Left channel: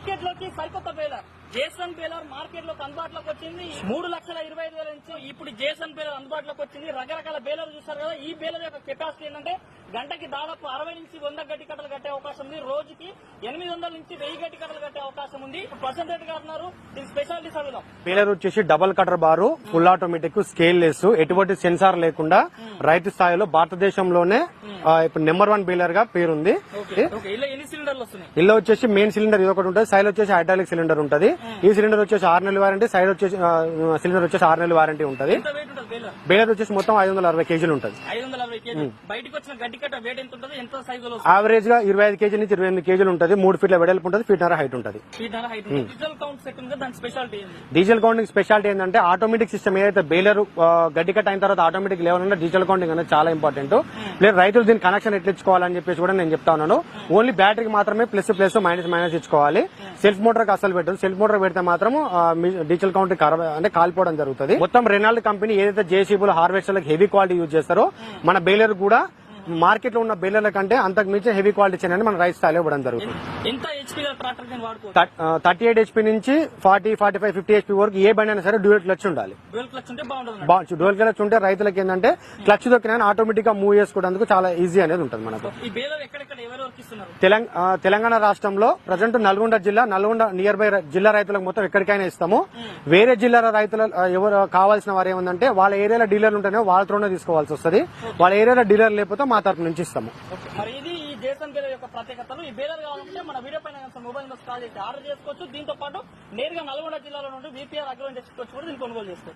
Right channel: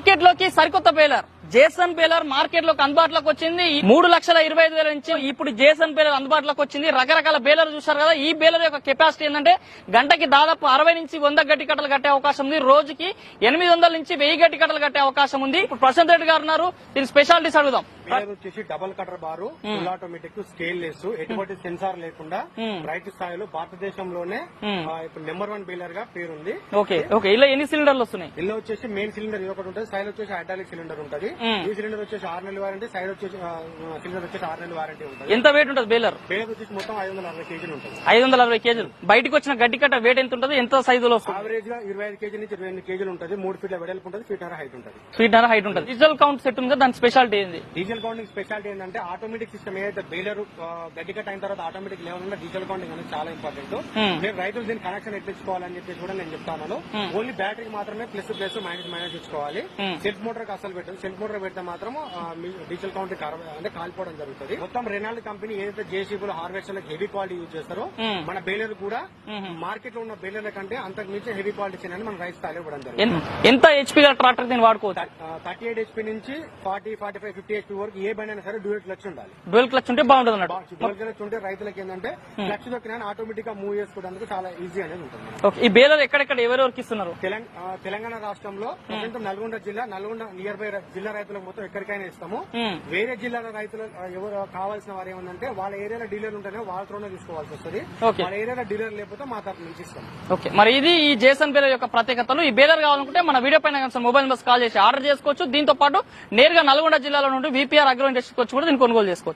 Market లోకి సరికొత్త baler Jason baler market లోకి అందుబాటులోకి వచ్చింది. 3,25,000 నుంచి ఇప్పుడు జేసన్ బేలర్ అందుబాటులోకి వచ్చింది. రకరకాల బేలర్ చూసారు కదా. ఈ బేలర్ యొక్క కెపాసిటీ ఏంటంటే గంటకి దాదాపు 60 నుంచి 100 గడ్డి కట్టలు కట్టే అవకాశం ఉంది. రోజుకి 800 నుంచి 1000 గడ్డి కట్టలు కట్టే అవకాశం ఉంది. ఇప్పుడు ప్రశాంత్ రెడ్డి గారు ఉన్నారు, దీని స్పెషాలిటీస్ అడుగుదాం. బేలర్ వచ్చేసి డబుల్ కటర్ బారు, ఫుల్ ఆటోమేటిక్, స్కేల్ లెస్, ఎటువంటి సెన్సార్ లేకుండా రైతు స్థాయిలో భారతదేశంలోనే ఇప్పుడు నెంబర్ 1 బేలర్ గా పేరుంది. ఇలా ఎన్ని సిలిండర్లు వస్తున్నాయి? ఇలా వచ్చేసి మెయిన్ సిలిండర్ ఇది ఒకటి ఉంటుంది, సైడ్ వచ్చేసి హైడ్రాలిక్ సిలిండర్ ఉంటుంది. ఈ సిలిండర్ వచ్చేసి 6 నెలల వారంటీ, సైడ్ వచ్చేసి సిలిండర్ వచ్చేసి 6 నెలల వారంటీ ఉంటుంది. ఎంత వెయిట్ ఉంటుంది బేలర్? బేలర్ వచ్చేసి మొత్తం 560 కేజీలు ఉంటుంది. 560 కేజీలు. బయటకు వచ్చిన గడ్డి కట్ట వెయిట్ ఎంత ఉంటుంది? ఎంత సైజులో? యావరేజ్ గా 25 కేజీల నుంచి 28 కేజీలు ఉంటుంది. 3 ఫీట్ల వెడల్పు ఉంటుంది, ఫీట్నర హైట్ ఉంటుంది. హైట్ ఉంటుంది. డీజిల్ కౌంట్ సెట్ ఉంది, దాని స్పెషాలిటీ ఏంది? డీజిల్ కౌంటింగ్ స్పెషాలిటీ ఏంటంటే ఆటోమేటిక్ సిస్టమ్ ఏదైతే బేలర్ గడ్డి కట్ అయిన తర్వాత ఆటోమేటిక్ లెవెల్ ఉంటే డీజిల్ కౌంటింగ్ అనేది చాలా ఇంపార్టెంట్. ప్లస్ రైతులు దీని కనెక్షన్ ఎట్లా ఇచ్చుకోవాలని చెప్పేసి కూడా నేను చెప్తా ఉన్నాను. ఓన్లీ బ్యాటరీకి మాత్రమే ప్లస్ మైనస్ ఇచ్చుకోవాలి. సెల్ఫ్ మోటార్ కి అసలు పెట్టదు. సెల్ఫ్ మోటార్ పెడితే మాత్రం డీజిల్ కౌంట్ అంటే కాలిపోవడం జరుగుతుంది. మొత్తం రెనాల్డ్ కంపెనీ ఏదైతే జేసీబీలు హార్వెస్టర్లకు హెవీ క్వాలిటీ యూజ్ చేస్తారో మన బేలర్ కూడా మార్కెట్ లో ఉన్న బేలర్ల కంటే అంతకు మించి హెవీ క్వాలిటీ చేయడానికి మన రైస్ స్థాయిలో ఇవ్వడం జరుగుతుంది. ఎంత హెచ్పీ ట్రాక్టర్ దీన్ని వాడుకోవచ్చు? 38 హెచ్పీ నుంచి 40, 45, 50 హెచ్పీ వరకు ఏ బండి అయినా సరే డ్యూయల్ క్లచ్ ఉండాలి. డ్యూయల్ క్లచ్ ఉంటే బాగుంటుంది. డ్యూయల్ క్లచ్ ఉంటే రైతులకు ఏంటంటే క్లచ్ దొక్కినా ఆటోమేటిక్ గా మూవ్ చేసుకోవడానికి చాలా ఈజీ అనేది ఉంటుంది మనకు. ఈ బేలర్ ఎక్కడెక్కడ ఎవరెవరికి ఇస్తున్నారు? తెలంగాణ రాష్ట్రంలో ప్రజెంట్ నల్గొండ నియర్ బై జిల్లా రైతులకు మొత్తం ఎక్కడికైనా ఇస్తాము. వేరే జిల్లాల రైతులు ఎవరు కావాల్సిన వారు ఏముందంటే వాళ్ళ ఏరియాలో డీలర్లు ఉంటేనే వాళ్ళతోనే తీసుకోవాల్సి వస్తుంది. వాళ్ళ ఏరియాలో డీలర్ లేకపోతే మా తరపు నుంచి ఇస్తాము. మరి ఇది ఈ జేసన్ బేలర్ యొక్క ప్రత్యేకతలు. ఈ బేలర్ కావాలనుకుంటే మన వీడియో పైన మొబైల్ నెంబర్స్ కాల్ చేసి ఆర్డర్ చేసుకోవచ్చు. దీంతో పాటు నేరుగా నల్గొండ జిల్లాలో నుండి VPR అగ్రో ఇండస్ట్రీకి వచ్చి కూడా దీన్ని కొనుగోలు చేసుకోవచ్చు.